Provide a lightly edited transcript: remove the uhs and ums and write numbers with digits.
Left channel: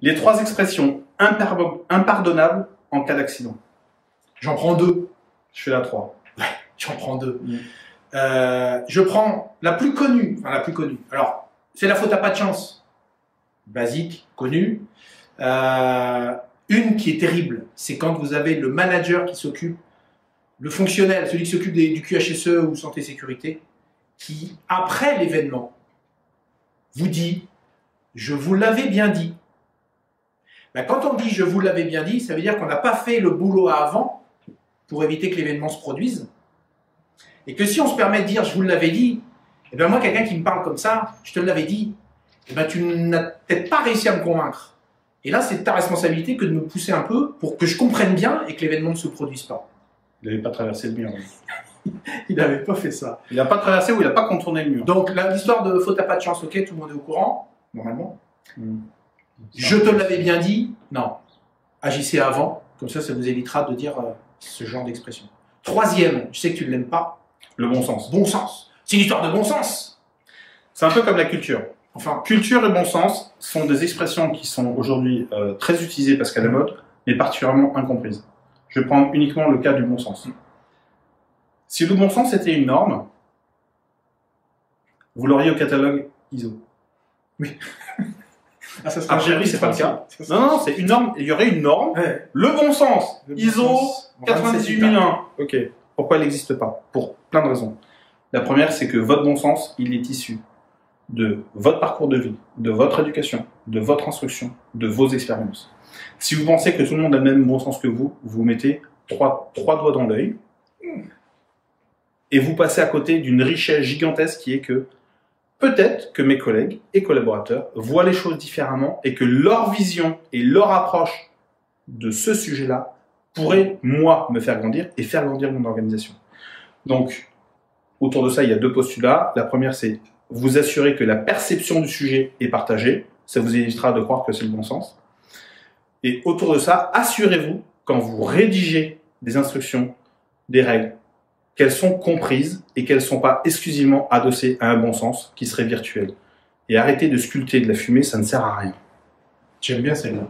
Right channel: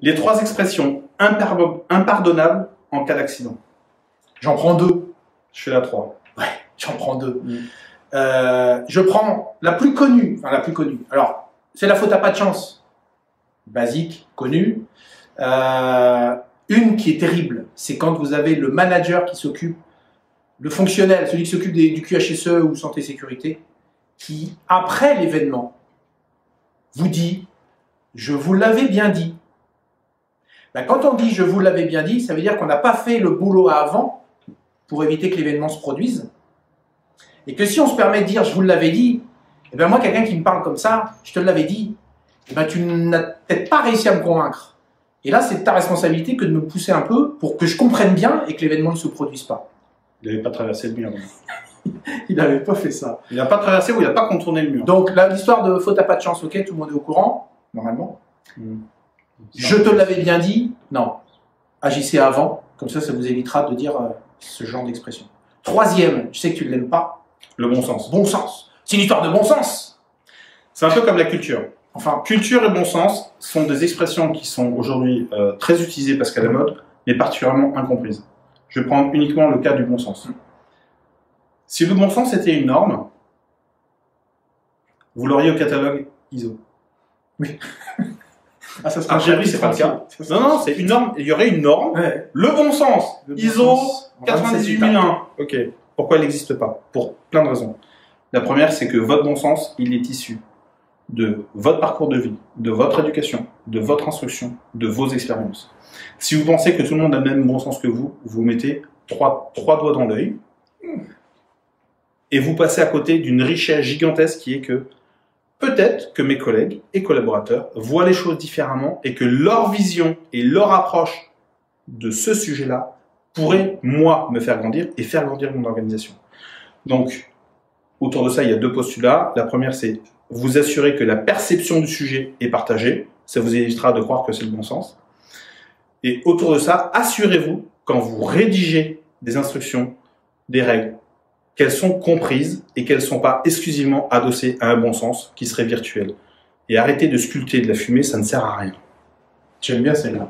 Les 3 expressions impardonnables en cas d'accident. J'en prends 2. Je fais la 3. Ouais, j'en prends 2. Je prends la plus connue. Enfin, la plus connue. Alors, c'est la faute à pas de chance. Basique, connue. Une qui est terrible, c'est quand vous avez le manager qui s'occupe, le fonctionnel, celui qui s'occupe du QHSE ou santé sécurité, qui, après l'événement, vous dit « je vous l'avais bien dit ». Ben, quand on dit « je vous l'avais bien dit », ça veut dire qu'on n'a pas fait le boulot avant pour éviter que l'événement se produise. Et que si on se permet de dire « je vous l'avais dit », et ben moi, quelqu'un qui me parle comme ça, « je te l'avais dit », et ben tu n'as peut-être pas réussi à me convaincre. Et là, c'est ta responsabilité que de me pousser un peu pour que je comprenne bien et que l'événement ne se produise pas. Il n'avait pas traversé le mur. Il n'avait pas fait ça. Il n'a pas traversé ou il n'a pas contourné le mur. Donc, l'histoire de faute à pas de chance, ok, tout le monde est au courant, normalement. Je te l'avais bien dit, non. Agissez avant, comme ça vous évitera de dire ce genre d'expression. Troisième, je sais que tu ne l'aimes pas. Le bon sens. Bon sens. C'est une histoire de bon sens. C'est un peu comme la culture. Enfin, culture et bon sens sont des expressions qui sont aujourd'hui très utilisées parce qu'à la mode, mais particulièrement incomprises. Je vais prendre uniquement le cas du bon sens. Si le bon sens était une norme, vous l'auriez au catalogue ISO. Oui. Ah, ça a priori, c'est pas le cas. Non, c'est une norme. Il y aurait une norme. Ouais. Le bon sens, le bon ISO sens. 98001. Ok. Pourquoi il n'existe pas? Pour plein de raisons. La première, c'est que votre bon sens, il est issu de votre parcours de vie, de votre éducation, de votre instruction, de vos expériences. Si vous pensez que tout le monde a le même bon sens que vous, vous mettez trois doigts dans l'œil et vous passez à côté d'une richesse gigantesque qui est que peut-être que mes collègues et collaborateurs voient les choses différemment et que leur vision et leur approche de ce sujet-là pourrait, moi, me faire grandir et faire grandir mon organisation. Donc, autour de ça, il y a 2 postulats. La première, c'est vous assurer que la perception du sujet est partagée. Ça vous évitera de croire que c'est le bon sens. Et autour de ça, assurez-vous, quand vous rédigez des instructions, des règles, qu'elles sont comprises et qu'elles ne sont pas exclusivement adossées à un bon sens qui serait virtuel. Et arrêtez de sculpter de la fumée, ça ne sert à rien. J'aime bien celle-là.